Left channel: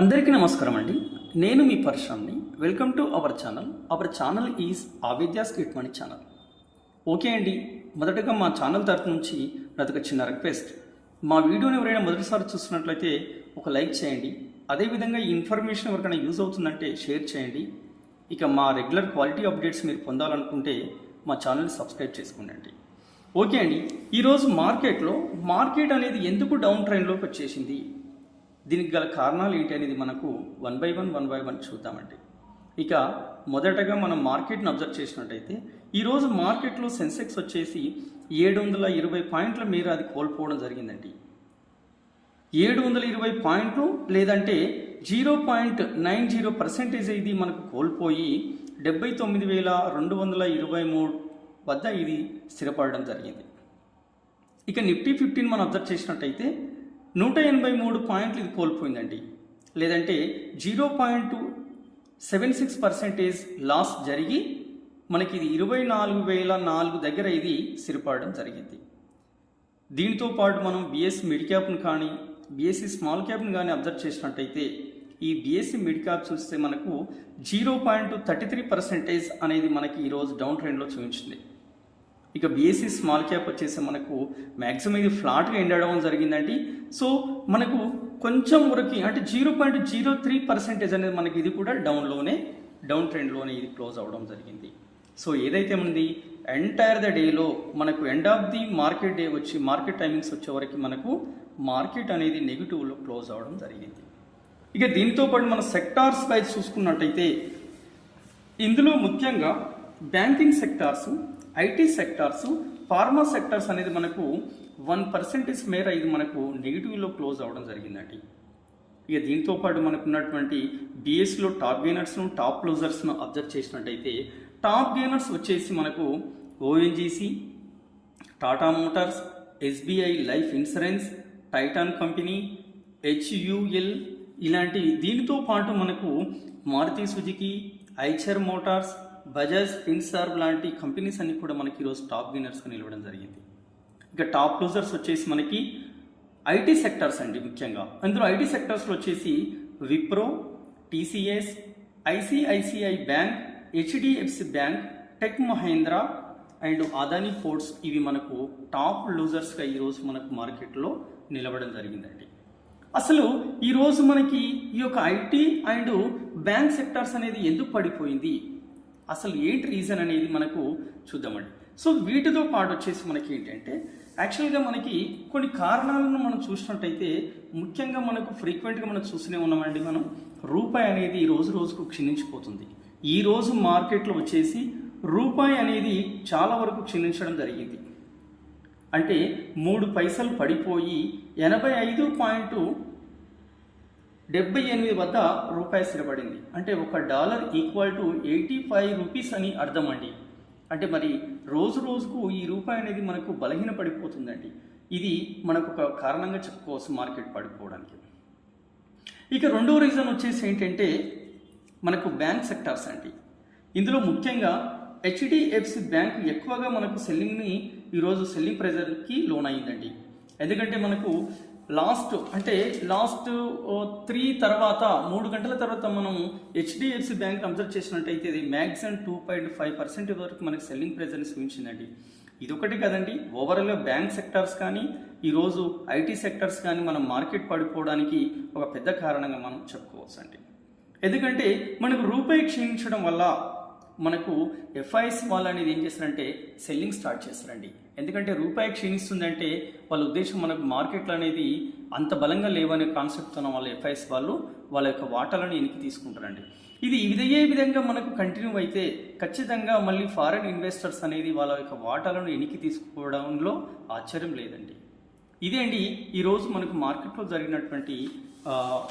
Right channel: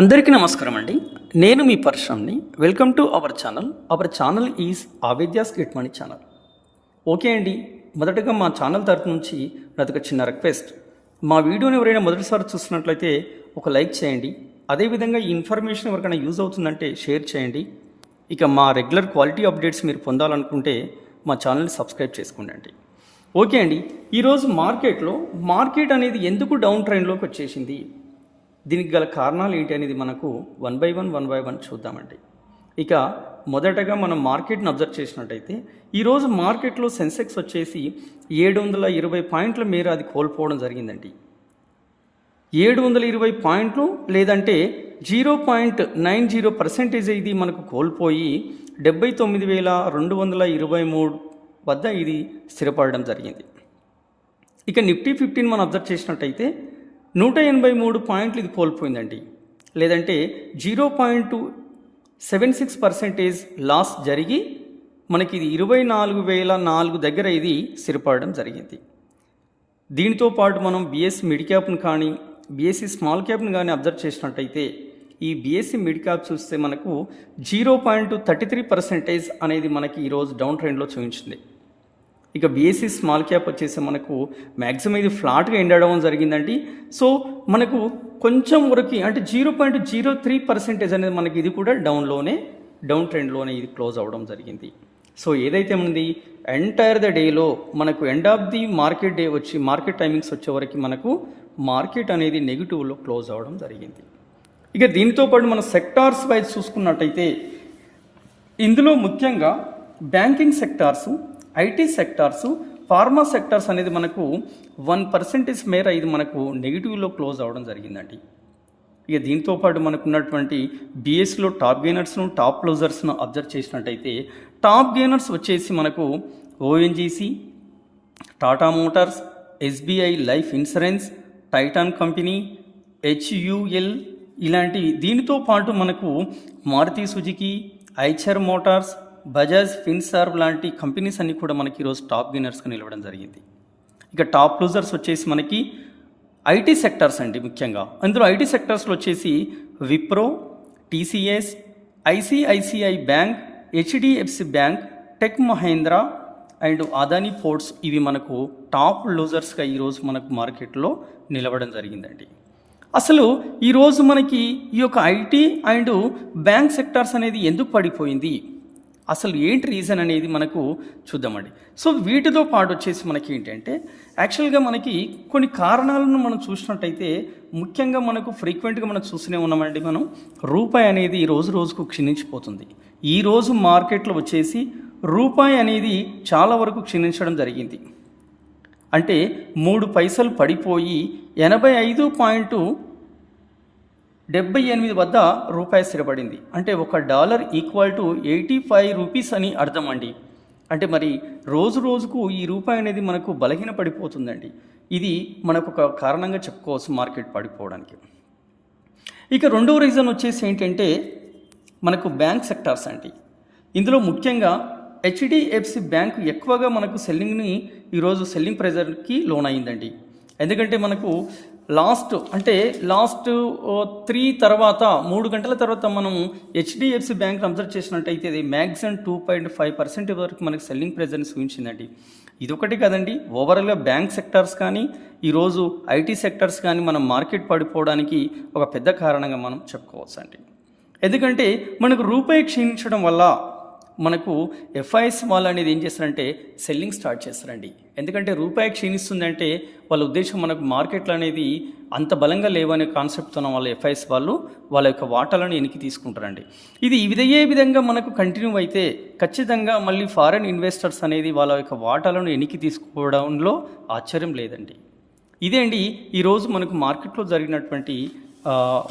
అందరికీ నమస్కారం అండి. నేను మీ పరశురామ్ని. Welcome to our channel. Our channel is ఆవేద్యాస్ గిట్ మనీ ఛానల్. ఓకే అండి, మొదటగా మా ఛానల్ తరఫు నుంచి నాదొక చిన్న రిక్వెస్ట్. మా వీడియోని ఎవరైనా మొదటిసారి చూస్తున్నట్లయితే ఒక లైక్ చేయండి. అదేవిధంగా ఈ ఇన్ఫర్మేషన్ ఎవరికైనా యూజ్ అవుతుందంటే షేర్ చేయండి. ఇక మా రెగ్యులర్ క్వాలిటీ అప్డేట్స్ మీరు పొందాలనుకుంటే మా ఛానల్ని సబ్స్క్రైబ్ చేసుకోండి. ఓకే అండి, ఈరోజు మార్కెట్ అనేది ఎందుకు డౌన్ ట్రెండ్లోకి వచ్చేసింది, దీనికి గల కారణాలు ఏంటి అనేది మనకు వన్ బై వన్ చూద్దామండి. ఇక మొదటగా మనం మార్కెట్ని అబ్జర్వ్ చేసినట్టయితే ఈరోజు మార్కెట్లో సెన్సెక్స్ వచ్చేసి 720 పాయింట్ల మేర అది కోల్పోవడం జరిగిందండి. 720 పాయింట్లు లేదంటే 0.90% ఇది మనకు కోల్పోయి 79,223 వద్ద ఇది స్థిరపడడం జరిగింది. ఇక నిఫ్టీ 15 మనం అబ్జర్వ్ చేసినట్టయితే 183 పాయింట్లు ఇది కోల్పోయిందండి, లేదంటే 0.76% లాస్ జరిగి మనకి ఇది 24,004 దగ్గర ఇది స్థిరపడడం జరిగింది. దీంతో పాటు మనం బీఎస్సీ మిడ్ క్యాప్ను కానీ బీఎస్సీ స్మాల్ క్యాప్ను కానీ అబ్జర్వ్ చేసినట్టయితే ఈ బీఎస్సీ మిడ్ క్యాప్ చూస్తే మనకు 0.33% అనేది మనకి ఈరోజు డౌన్ ట్రెండ్లో చూపించింది. ఇక బీఎస్సీ స్మాల్ క్యాప్ వచ్చేసి మనకు మ్యాక్సిమం ఇది ఫ్లాట్గా ఎండ్ అవ్వడం జరిగిందండి. సో మనకు కొంచెం వరకు అంటే 0.03% అనేది మనకి ఇది కూడా డౌన్ ట్రెండ్లోనే ఇది క్లోజ్ అవ్వడం జరిగింది. సో ఏదైతే ఉంది ఎంటైర్ ద డేలో మనకు end of the market day వచ్చి మార్కెట్ టైమింగ్స్ వచ్చే వరకు మనకు మార్కెట్ అనేది నెగిటివ్లో క్లోజ్ అవ్వడం జరిగింది. ఇక దీంతో పాటు మన సెక్టార్స్ వైజ్ చూసుకున్నట్టయితే ఇందులో ముఖ్యంగా బ్యాంకింగ్ సెక్టార్సు, ఐటీ సెక్టార్సు, ఫార్మా సెక్టార్స్ అనేది మనకు 1% మేర ఇది మనకు నెగిటివ్లో క్లోజ్ అవ్వడం జరిగిందండి. ఇక దీంతో పాటు మనకు ఉన్నటువంటి బీఎస్లో టాప్ గెయినర్స్ను, టాప్ క్లోజర్స్ను అబ్జర్వ్ చేసినట్టయితే టాప్ గెయినర్స్ వచ్చేసి మనకు ఓఎన్జీసీ, టాటా మోటార్స్, ఎస్బీఐ లైఫ్ ఇన్సూరెన్స్, టైటాన్ కంపెనీ, హెచ్యుఎల్ ఇలాంటివి. దీనితో పాటు మనకు మారుతి సుజుకి, ఐచర్ మోటార్స్, బజాజ్ ఫిన్సర్వ్ లాంటి కంపెనీస్ అన్నీ కూడా మనకి ఈరోజు టాప్ గెయినర్స్గా నిలవడం జరిగింది. ఇక టాప్ లూజర్స్ వచ్చేసి మనకి ఐటీ సెక్టార్స్ అండి. ముఖ్యంగా అందులో ఐటీ సెక్టార్స్లో వచ్చేసి విప్రో, టీసీఎస్, ఐసిఐసిఐ బ్యాంక్, హెచ్డిఎఫ్సి బ్యాంక్, టెక్ మహేంద్ర అండ్ అదానీ పోర్ట్స్ ఇవి మనకు టాప్ లూజర్స్గా ఈరోజు మనకు మార్కెట్లో నిలవడం జరిగిందండి. అసలు ఈరోజు మనకి ఈ యొక్క ఐటీ అండ్ బ్యాంక్ సెక్టార్స్ అనేది ఎందుకు పడిపోయింది, అసలు ఏంటి రీజన్ అనేది మనకు చూద్దామండి. సో వీటితో పాటు వచ్చేసి మనకి ఏంటంటే యాక్చువల్గా మనకి కొన్ని కారణాలను మనం చూసినట్టయితే ముఖ్యంగా మనకు ఫ్రీక్వెంట్గా మనం చూస్తూనే ఉన్నామండి. మనం రూపాయి అనేది రోజుకు క్షీణించిపోతుంది. ఈరోజు మార్కెట్లో వచ్చేసి రూపాయి అనేది చాలా వరకు క్షీణించడం జరిగింది. అంటే 3 పైసలు పడిపోయి 85.78 వద్ద రూపాయి స్థిరపడింది. అంటే $1 ఈక్వల్ టు 85 రూపీస్ అని అర్థం అండి. అంటే మరి రోజుకు ఈ రూపాయి అనేది మనకు బలహీన పడిపోతుందండి. ఇది మనకు ఒక కారణంగా చెప్పుకోవచ్చు మార్కెట్ పడిపోవడానికి. ఇక రెండవ రీజన్ వచ్చేసి ఏంటంటే మనకు బ్యాంక్ సెక్టార్స్ అండి. ఇందులో ముఖ్యంగా హెచ్డిఎఫ్సి బ్యాంక్ ఎక్కువగా మనకు ఈరోజు సెల్లింగ్ ప్రెజర్కి లోన్ అయిందండి. ఎందుకంటే మనకు లాస్ట్ 3 గంటల తర్వాత మనం హెచ్డిఎఫ్సి బ్యాంక్ అబ్జర్వ్ చేసినట్టయితే ఇది మ్యాక్సిమం 2.5% వరకు మనకి సెల్లింగ్ ప్రెజర్ని సూచించిందండి. ఇదొకటి కదండి, ఓవరాల్గా బ్యాంక్ సెక్టార్స్ కానీ ఈరోజు ఐటీ సెక్టార్స్ కానీ మనం మార్కెట్ పడిపోవడానికి ఒక పెద్ద కారణంగా మనం చెప్పుకోవచ్చు అండి. ఎందుకంటే మనకు రూపాయి క్షీణించడం వల్ల మనకు ఎఫ్ఐఎస్ వాళ్ళు అనేది ఏం చేస్తారంటే సెల్లింగ్ స్టార్ట్ చేస్తారండి. ఎందుకంటే రూపాయి క్షీణిస్తుందంటే వాళ్ళ ఉద్దేశం మనకు మార్కెట్లు అనేది అంత బలంగా లేవనే కాన్సెప్ట్తో వాళ్ళ ఎఫ్ఐఎస్ వాళ్ళు వాళ్ళ యొక్క వాటాలను వెనక్కి తీసుకుంటారండి. ఇది ఇదే విధంగా మనకు కంటిన్యూ అయితే ఖచ్చితంగా మళ్ళీ ఫారెన్ ఇన్వెస్టర్స్ అనేది వాళ్ళ యొక్క వాటాలను వెనక్కి తీసుకోవడంలో ఆశ్చర్యం లేదండి. ఇదే అండి ఈరోజు మనకు మార్కెట్లో జరిగినటువంటి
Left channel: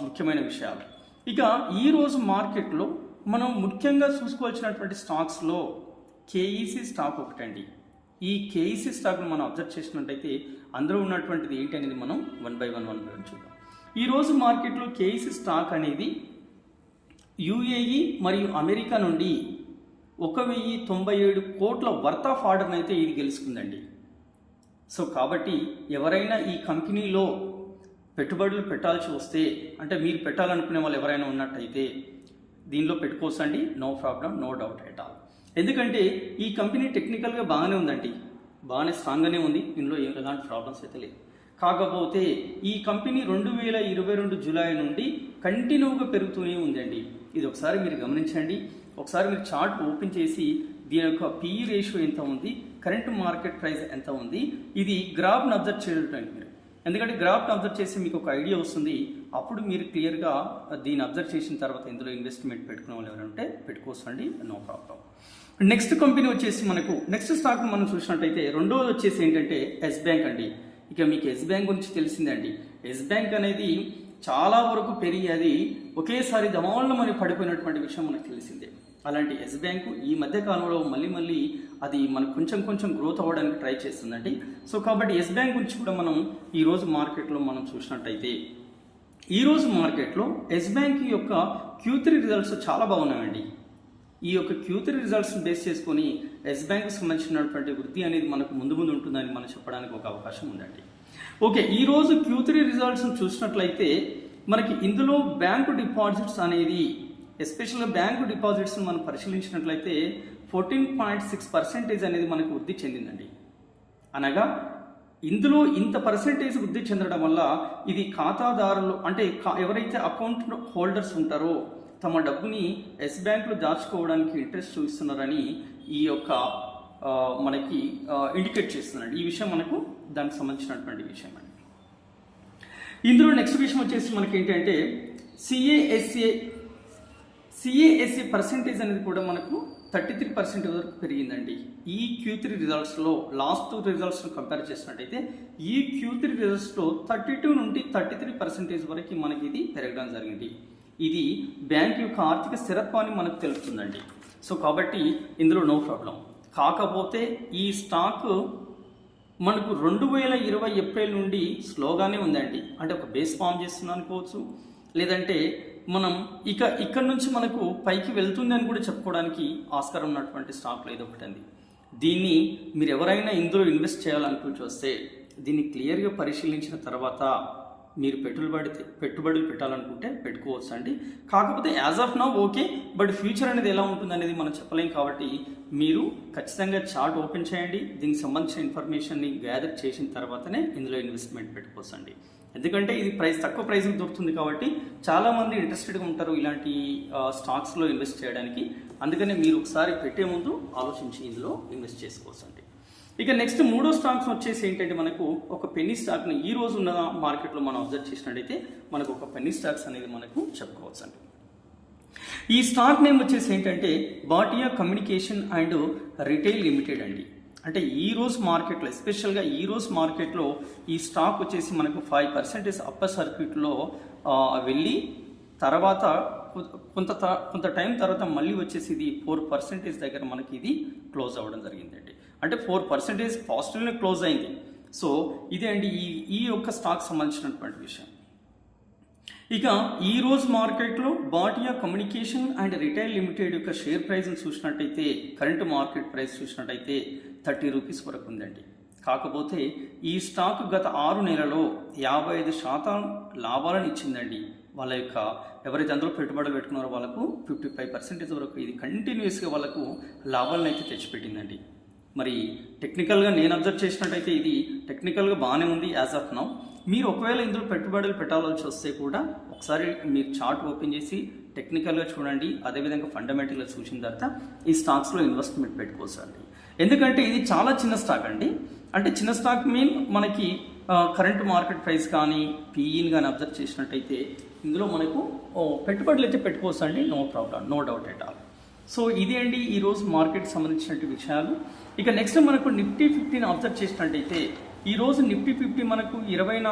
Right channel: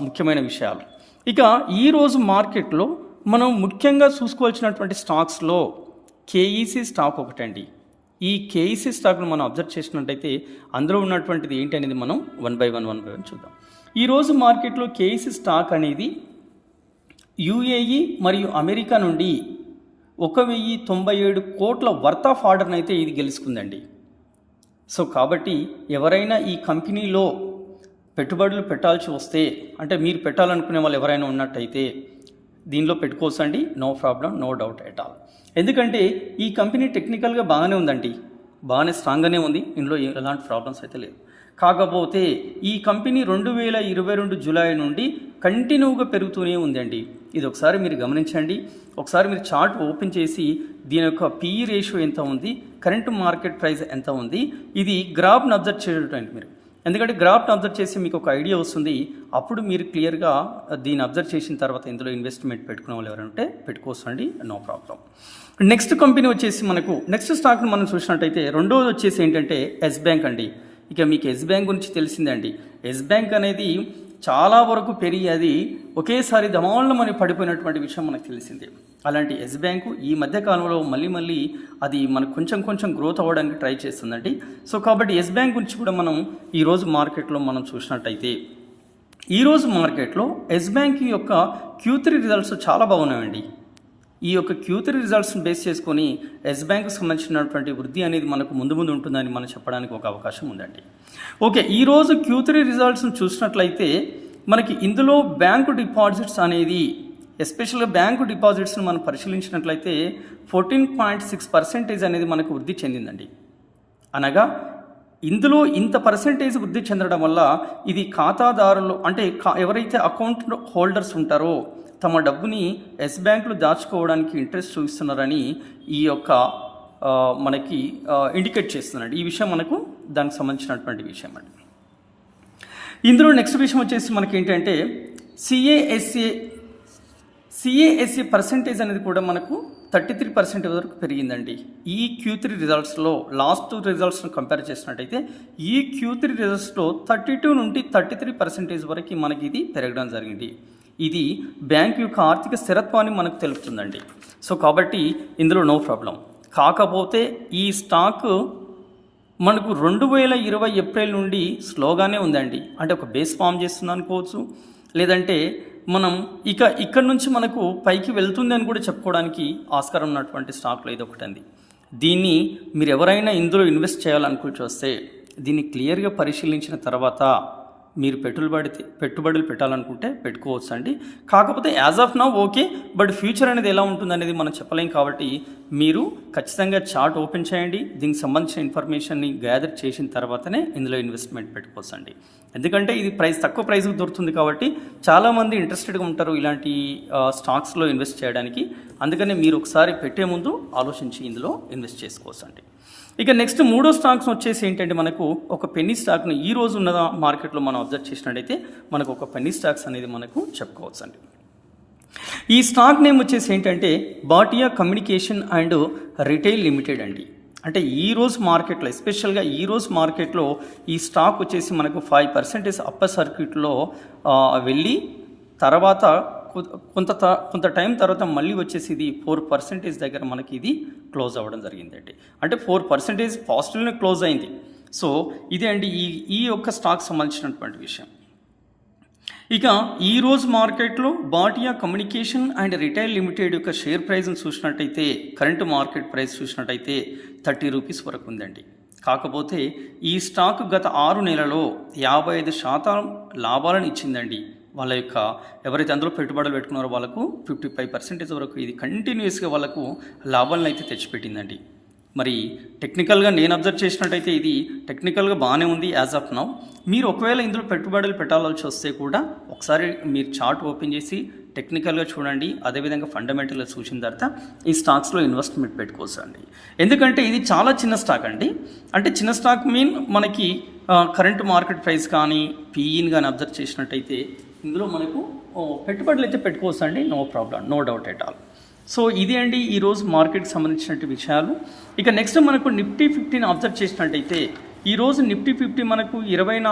ముఖ్యమైన విషయాలు. ఇక ఈరోజు మార్కెట్లో మనం ముఖ్యంగా చూసుకోవాల్సినటువంటి స్టాక్స్లో కేఈసీ స్టాక్ ఒకటండి. ఈ కేఈసీ స్టాక్ను మనం అబ్జర్వ్ చేసినట్టయితే అందులో ఉన్నటువంటిది ఏంటి అనేది మనం వన్ బై వన్ చూద్దాం. ఈరోజు మార్కెట్లో కేఈసీ స్టాక్ అనేది యుఏఈ మరియు అమెరికా నుండి 1,097 కోట్ల వర్త్ ఆఫ్ ఆర్డర్ని అయితే ఇది గెలుచుకుందండి. సో కాబట్టి ఎవరైనా ఈ కంపెనీలో పెట్టుబడులు పెట్టాల్సి వస్తే, అంటే మీరు పెట్టాలనుకునే వాళ్ళు ఎవరైనా ఉన్నట్టయితే దీనిలో పెట్టుకోవచ్చండి. No problem, no doubt at all. ఎందుకంటే ఈ కంపెనీ టెక్నికల్గా బాగానే ఉందండి, బాగానే స్ట్రాంగ్గానే ఉంది, ఇందులో ఎలాంటి ప్రాబ్లమ్స్ అయితే లేవు. కాకపోతే ఈ కంపెనీ 2022 జూలై నుండి కంటిన్యూగా పెరుగుతూనే ఉందండి. ఇది ఒకసారి మీరు గమనించండి. ఒకసారి మీరు చార్ట్ ఓపెన్ చేసి దీని యొక్క పిఈ రేషియో ఎంత ఉంది, కరెంట్ మార్కెట్ ప్రైస్ ఎంత ఉంది, ఇది గ్రాఫ్ను అబ్జర్వ్ చేయడానికి మీరు, ఎందుకంటే గ్రాఫ్ను అబ్జర్వ్ చేసి మీకు ఒక ఐడియా వస్తుంది. అప్పుడు మీరు క్లియర్గా దీన్ని అబ్జర్వ్ చేసిన తర్వాత ఇందులో ఇన్వెస్ట్మెంట్ పెట్టుకునే వాళ్ళు ఎవరంటే పెట్టుకోవచ్చండి, నో ప్రాబ్లం. నెక్స్ట్ కంపెనీ వచ్చేసి మనకు నెక్స్ట్ స్టాక్ను మనం చూసినట్టయితే రెండోది వచ్చేసి ఏంటంటే ఎస్ బ్యాంక్ అండి. ఇక మీకు ఎస్ బ్యాంక్ గురించి తెలిసిందండి. ఎస్ బ్యాంక్ అనేది చాలా వరకు పెరిగి అది ఒకేసారి దమాళ్ళమని పడిపోయినటువంటి విషయం మనకు తెలిసిందే. అలాంటి ఎస్ బ్యాంకు ఈ మధ్య కాలంలో మళ్ళీ అది మనకు కొంచెం గ్రోత్ అవ్వడానికి ట్రై చేస్తుందండి. సో కాబట్టి ఎస్ బ్యాంక్ గురించి కూడా మనం ఈరోజు మార్కెట్లో మనం చూసినట్టయితే, ఈరోజు మార్కెట్లో ఎస్ బ్యాంక్ యొక్క Q3 రిజల్ట్స్ చాలా బాగున్నాయండి. ఈ యొక్క Q3 రిజల్ట్స్ని బేస్ చేసుకొని ఎస్ బ్యాంక్కి సంబంధించినటువంటి వృద్ధి అనేది మనకు ముందు ఉంటుందని మనం చెప్పడానికి ఒక అవకాశం ఉందండి. ఓకే, ఈరోజు Q3 రిజల్ట్స్ని చూసినట్లయితే మనకి ఇందులో బ్యాంకు డిపాజిట్స్ అనేది, ఎస్పెషల్గా బ్యాంకు డిపాజిట్స్ని మనం పరిశీలించినట్లయితే 14.6% అనేది మనకు వృద్ధి చెందిందండి. అనగా ఇందులో ఇంత పర్సెంటేజ్ వృద్ధి చెందడం వల్ల ఇది ఖాతాదారులు, అంటే ఎవరైతే అకౌంట్ హోల్డర్స్ ఉంటారో తమ డబ్బుని ఎస్ బ్యాంకులు దాచుకోవడానికి ఇంట్రెస్ట్ చూపిస్తున్నారని ఈ యొక్క మనకి ఇండికేట్ చేస్తున్నాడు. ఈ విషయం మనకు దానికి సంబంధించినటువంటి విషయం అండి. ఇందులో నెక్స్ట్ విషయం వచ్చేసి మనకి ఏంటంటే సిఏఎస్ఏ పర్సెంటేజ్ అనేది కూడా మనకు 33% వరకు పెరిగిందండి. ఈ Q3 రిజల్ట్స్లో లాస్ట్ రిజల్ట్స్ను కంపేర్ చేసినట్టయితే ఈ Q3 రిజల్ట్స్లో 32 నుండి 33% వరకు మనకి ఇది పెరగడం జరిగింది. ఇది బ్యాంక్ యొక్క ఆర్థిక స్థిరత్వాన్ని మనకు తెలుపుతుందండి. సో కాబట్టి ఇందులో నో ప్రాబ్లం. కాకపోతే ఈ స్టాక్ మనకు 2020 ఏప్రిల్ నుండి స్లోగానే ఉందండి. అంటే ఒక బేస్ ఫామ్ చేస్తుంది అనుకోవచ్చు, లేదంటే మనం ఇక్కడ నుంచి మనకు పైకి వెళ్తుంది అని కూడా చెప్పుకోవడానికి ఆస్కారం ఉన్నటువంటి స్టాక్లో ఇది ఒకటి అండి. దీన్ని మీరు ఎవరైనా ఇందులో ఇన్వెస్ట్ చేయాలనుకుంటూ వస్తే దీన్ని క్లియర్గా పరిశీలించిన తర్వాత మీరు పెట్టుబడులు పెట్టాలనుకుంటే పెట్టుకోవచ్చు అండి. కాకపోతే as of now okay, but future అనేది ఎలా ఉంటుంది అనేది మనం చెప్పలేం. కాబట్టి మీరు ఖచ్చితంగా చార్ట్ ఓపెన్ చేయండి, దీనికి సంబంధించిన ఇన్ఫర్మేషన్ని గ్యాదర్ చేసిన తర్వాతనే ఇందులో ఇన్వెస్ట్మెంట్ పెట్టుకోవచ్చు అండి. ఎందుకంటే ఇది తక్కువ ప్రైస్కి దొరుకుతుంది కాబట్టి చాలామంది ఇంట్రెస్టెడ్గా ఉంటారు ఇలాంటి స్టాక్స్లో ఇన్వెస్ట్ చేయడానికి. అందుకని మీరు ఒకసారి పెట్టే ముందు ఆలోచించి ఇందులో ఇన్వెస్ట్ చేసుకోవచ్చు అండి. ఇక నెక్స్ట్ మూడో స్టాక్స్ వచ్చేసి ఏంటంటే మనకు ఒక పెన్నీ స్టాక్ని ఈ రోజు ఉన్న మార్కెట్లో మనం అబ్జర్వ్ చేసినట్టయితే మనకు ఒక పెన్నీ స్టాక్స్ అనేది మనకు చెప్పుకోవచ్చు అండి. ఈ స్టాక్ నేమ్ వచ్చేసి ఏంటంటే Bhatia communication and retail limited అండి. అంటే ఈరోజు మార్కెట్లో, ఎస్పెషల్గా ఈరోజు మార్కెట్లో ఈ స్టాక్ వచ్చేసి మనకు 5% అప్పర్ సర్క్యూట్లో వెళ్ళి తర్వాత కొంత టైం తర్వాత మళ్ళీ వచ్చేసి ఇది 4% దగ్గర మనకి ఇది క్లోజ్ అవ్వడం జరిగిందండి. అంటే 4% పాజిటివ్లో క్లోజ్ అయింది. సో ఇదే అండి ఈ యొక్క స్టాక్ సంబంధించినటువంటి విషయం. ఇక ఈరోజు మార్కెట్లో Bhatia communication and retail limited యొక్క షేర్ ప్రైస్ని చూసినట్టయితే, కరెంట్ మార్కెట్ ప్రైస్ చూసినట్టయితే 30 రూపీస్ వరకు ఉందండి. కాకపోతే ఈ స్టాక్ గత 6 నెలలో 55% లాభాలను ఇచ్చిందండి. వాళ్ళ యొక్క ఎవరైతే అందులో పెట్టుబడులు పెట్టుకున్నారో వాళ్ళకు 55% వరకు ఇది కంటిన్యూస్గా వాళ్ళకు లాభాలను అయితే తెచ్చిపెట్టిందండి. మరి టెక్నికల్గా నేను అబ్జర్వ్ చేసినట్టయితే ఇది టెక్నికల్గా బాగానే ఉంది యాజ్ ఆఫ్ నౌ. మీరు ఒకవేళ ఇందులో పెట్టుబడులు పెట్టాల్సి వస్తే కూడా ఒకసారి మీరు చార్ట్ ఓపెన్ చేసి టెక్నికల్గా చూడండి, అదేవిధంగా ఫండమెంటల్గా చూసిన తర్వాత ఈ స్టాక్స్లో ఇన్వెస్ట్మెంట్ పెట్టుకోవచ్చు అండి. ఎందుకంటే ఇది చాలా చిన్న స్టాక్ అండి. అంటే చిన్న స్టాక్ మనకి కరెంట్ మార్కెట్ ప్రైస్ కానీ పీఈని కానీ అబ్జర్వ్ చేసినట్టయితే ఇందులో మనకు పెట్టుబడులు అయితే పెట్టుకోవచ్చు అండి, no problem, no doubt at all. So ఇది అండి ఈరోజు మార్కెట్కి సంబంధించినటువంటి విషయాలు. ఇక నెక్స్ట్ మనకు నిఫ్టీ 50ని అబ్జర్వ్ చేసినట్టయితే ఈరోజు నిఫ్టీ 50 మనకు 24